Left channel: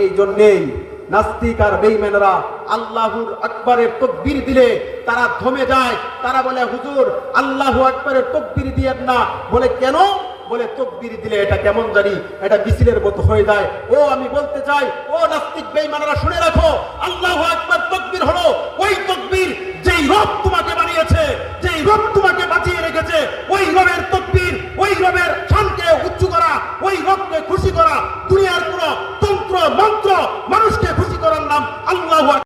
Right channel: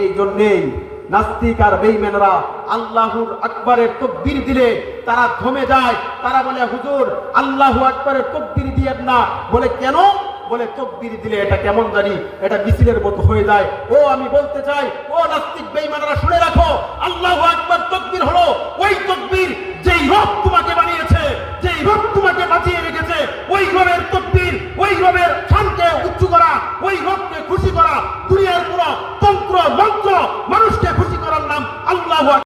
এই জন্যেই নাস্তিক আর বেঈমানরা আল্লাহুর আকবারের তাকবীর দিলে তারা থমে যায়। তারা বলে হুজুর আল্লাহু আকবারের তাকবীর দিয়েন না। বলে কেন? বলে তাকবীর দিলে এটা কেমন জানি এটা মিছিলের মতো হয়ে যায়। ও আমি বলতে চাই, ও নাস্তিক বেঈমানরা শুনে রাখো, আল্লাহু আকবার তাকবীর হলো ওই তাকবীর যেই রব তোমাকে বানিয়েছে, যেই রব তোমাকে বাঁচিয়ে রেখেছে, ওই রবের তাকবীর, ওই রবের শানকে উচ্চ করা, ওই রবকে খুশি করা। দুনিয়ার পুরো তন্ত্র মন্ত্র মানুষকে খুশি করার নাম আল্লাহু আকবার।